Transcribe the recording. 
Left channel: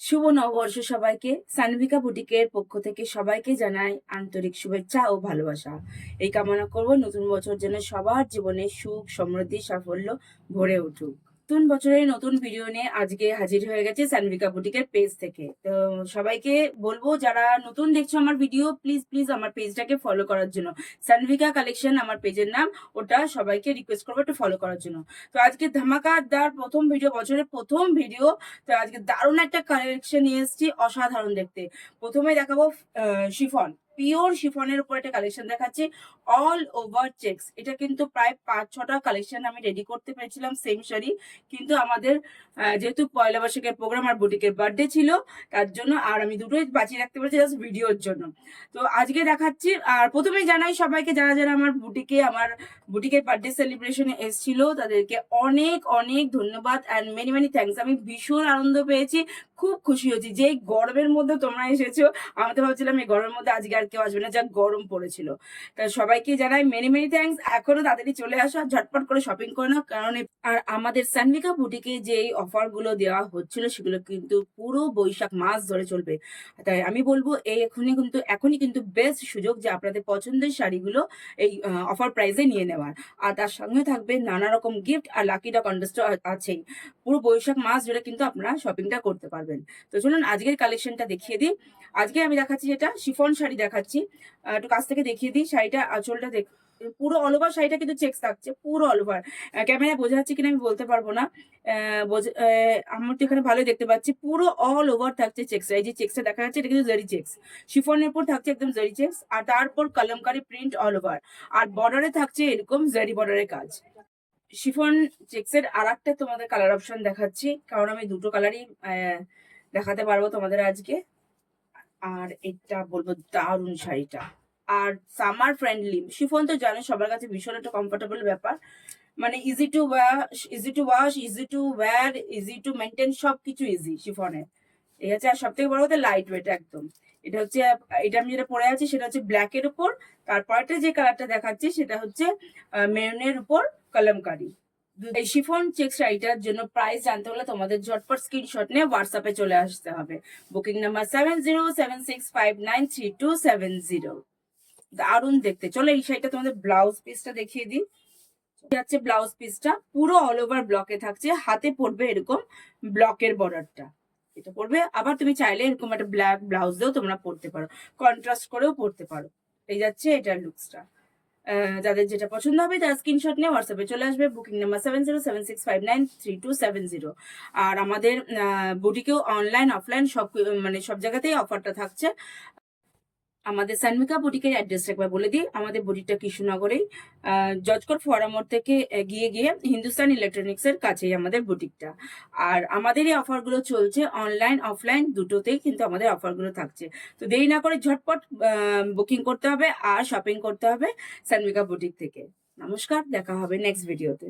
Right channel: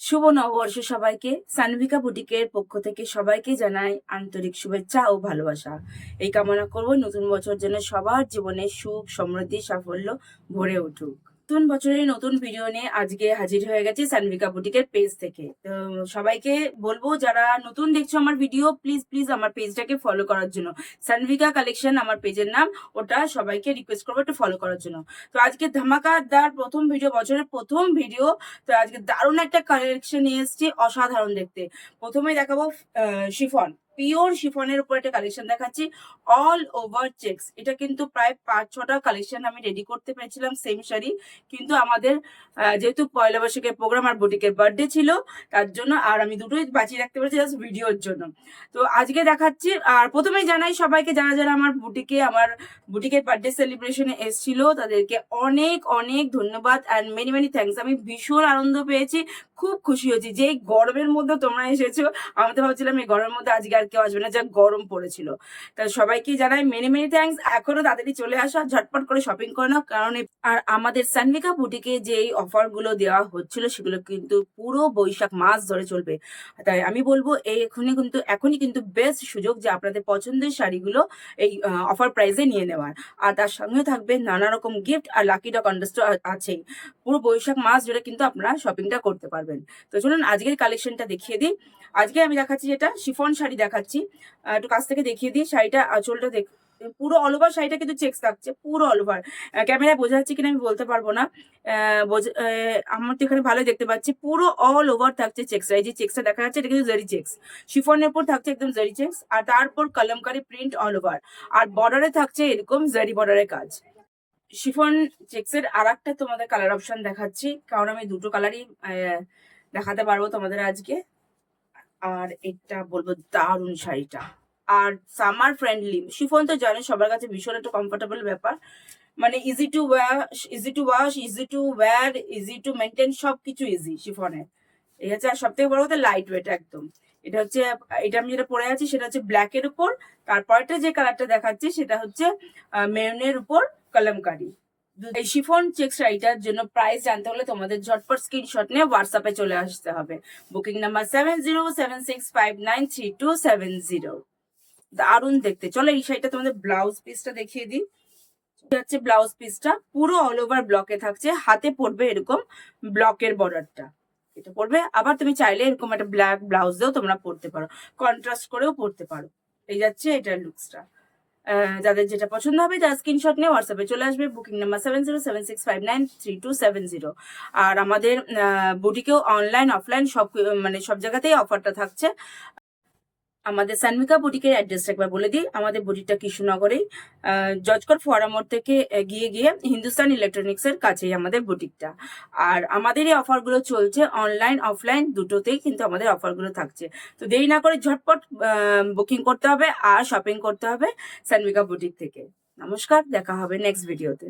শুভ নববর্ষ সবাইকে। সানভিকা বুটিকের পক্ষ থেকে সবাইকে জানাই আন্তরিক শুভেচ্ছা ও ভালোবাসা। এই কামনা করব নতুন বছর যেন সবার জীবনে সুখ, সমৃদ্ধি, সাফল্য ভরে উঠুক। নতুন বছরের নতুন ভিডিও নিয়ে আজকে হাজির হয়ে গেছে সানভিকা বুটিকের পেজ থেকে। তো সবাইকে বলবো, যারা নতুন দেখছো আমার ভিডিও, প্লিজ প্লিজ আমার পেজটাকে ফলো করার জন্য। সানভিকা কালেকশন আমার পেজের নাম, ওটা সবাইকে রিকোয়েস্ট করবো একটু ফলো করার জন্য। তো আজকে ধামাকাদার প্রথম ভিডিও, বছরের প্রথম ভিডিও। তো আজকে দারুণ একটা কালেকশন নিয়ে এসেছি, অসাধারণ দেখতে। প্রথমে দেখাবো শিফন, পিওর শিফনের উপর একটা কালেকশন দেখাচ্ছি, অল ওভার চেক্স। এটা কিন্তু প্রায় 5-6টা কালেকশন আমি রেডি করতে পেরেছিলাম সেম শাড়ি, কিন্তু আমাদের যেহেতু পয়লা বৈশাখের প্রোগ্রাম আর বুটিকের বার্থডে ছিল, তার জন্য আর আমি দুটোই বাঁচিয়ে রাখতে পেরেছি জাস্ট ভিডিওর জন্য। তো আজকে দেখাচ্ছি। আর প্রথমেই জানাই সবাইকে, যারা যারা আমার বুটিকের বার্থডে সেলিব্রেশনে এসেছিল, তাদেরকে অনেক অনেক ধন্যবাদ অ্যান্ড মেনি মেনি থ্যাঙ্কস। আমি ভীষণ আনন্দ পেয়েছি, খুব খুশি হয়েছি যে এই গরমের মধ্যে তোমরা এসেছো। আমি তো ভাবছিলাম এই গরমের মধ্যে আজকে আর কেউ আসবে না, যা গরম পড়েছিল। তা সবাইকে জানাই মেনি মেনি থ্যাঙ্কস। এখনো তাড়াতাড়ি চলে আসো, ঝটপট করে শপিং করে নাও, কারণ আর আমাদের সানভিকা বুটিকে যে অফার গুলো দেওয়া হচ্ছিল সেগুলো কিন্তু পুরো বৈশাখ মাস ধরে চলবে। তাই আমি বলবো এই এখনই কিন্তু বেস্ট সুযোগ যে আপনাদের পছন্দের শাড়িগুলো এই অফার প্রাইসে নিয়ে নেওয়ার। আর তার সঙ্গে থাকবে নানা রকম গিফট, আর লাকি ড্র কন্টেস্ট আছেই। পুরো বৈশাখ মাস ধরে কিন্তু আপনারা শপিংটা করতে পারবেন। তো চলুন আজকের কালেকশনটা দেখিয়ে দিই। আজকে আমি দেখাচ্ছি যেটা শিফন শাড়ি দেখাচ্ছি। একটু কাছ থেকে দেখিয়ে দিই শাড়িটা, আঁচলটা দেখ। পুরো অল ওভার শাড়িটা কিন্তু চেক্স থাকছে, পুরো অল ওভার। ক্যামেরায় বোঝা যাচ্ছে কিনা আমি বলতে পারবো না। আমার তো এখানে ভালোই দেখতে পাচ্ছি, পুরো অল ওভার থাকছে চেক্স। এই যে চেক্সটা দেখা যাচ্ছে, এটা কিন্তু জারি চেক্স। শিফনের উপর থাকছে একদম জারি চেক্স, আর তারপর কলমকারি প্রিন্ট অল ওভার। আর বর্ডারে থাকছে এরকম জারি বর্ডারের কাজ। শিফন চেক্সের আর একটা তোমাদের কালার অপশন দেখাচ্ছি, কারণ আমি দুটো কালারই দেখাতে পারবো তোমাদের আজকে। আর এটা বলবো দারুণ শাড়িটা, আর সামার ফ্রেন্ডলি। শিফন তো জানো সবার কাছে ভীষণ একটা কমফোর্টেবল ব্যাপার, মানে easy to wash, easy to maintain, সবকিছু ইজি শিফনের। এই হচ্ছে, আর সব থেকে বড় কথা লাইট ওয়েট একদম। এটা হচ্ছে, এটা আমি যেটা পরে আছি সেটা হচ্ছে ব্ল্যাক এর উপর। তারপরটা যে কালারটা দেখাচ্ছি সেটা হচ্ছে মেরুনের উপর কলমকারি। এই শিফন চেক শাড়িটার জন্য প্রাইস জানতে হলে তোমাদের ঝটপট স্ক্রিনশট নিয়ে হোয়াটসঅ্যাপে চলে আসতে হবে। Booking number 7076593270। দারুণ দেখতে। চলো এই শাড়িটা তোমাদের ব্লাউজ পিসটা দেখিয়ে দিই। যাচ্ছে ব্লাউজ পিসটা পুরো অল ওভার ব্লকে থাকছে, হাতে পড়বে এরকম ব্লকের বর্ডারটা। এটা পড়বে, আবার তুমি চাইলে এরকম একটা ব্ল্যাক ব্লাউজ দিয়েও তোমরা পরতে পারো, কন্ট্রাস্ট করেও পরতে পারো। এই যাচ্ছে এটার লুকসটা। যাদের যেটা পছন্দ হবে তার স্ক্রিনশট নিয়ে হোয়াটসঅ্যাপে চলে আসবে। Booking number 7076593270। আর আমাদের বুটিকেও অনলাইন অফলাইন সব, মানে সব জায়গাতেই অফারটা থাকছে। আমাদের সানমিকা বুটিকের অ্যাড্রেসটা একবার বলে দিই। আমাদের বুটিকটা কৃষ্ণনগরেই, জজকর ফোয়ারা মোড় থেকে গিয়ে গিয়ে হিন্দুস্তান ইলেকট্রনিক্স এর কাছেই আমাদের বুটিকটা। আর আমাদের এই অফারগুলো চলছে অনলাইন অফলাইন দুটোতেই, কিন্তু আমাদের অফারগুলো থাকছে। তো দেরি না করে ঝটপট বুকিং করতে হবে আর শপিং করতে হবে সানমিকা বুটিক থেকে। নমস্কার, দেখা হবে নেক্সট ভিডিওতে।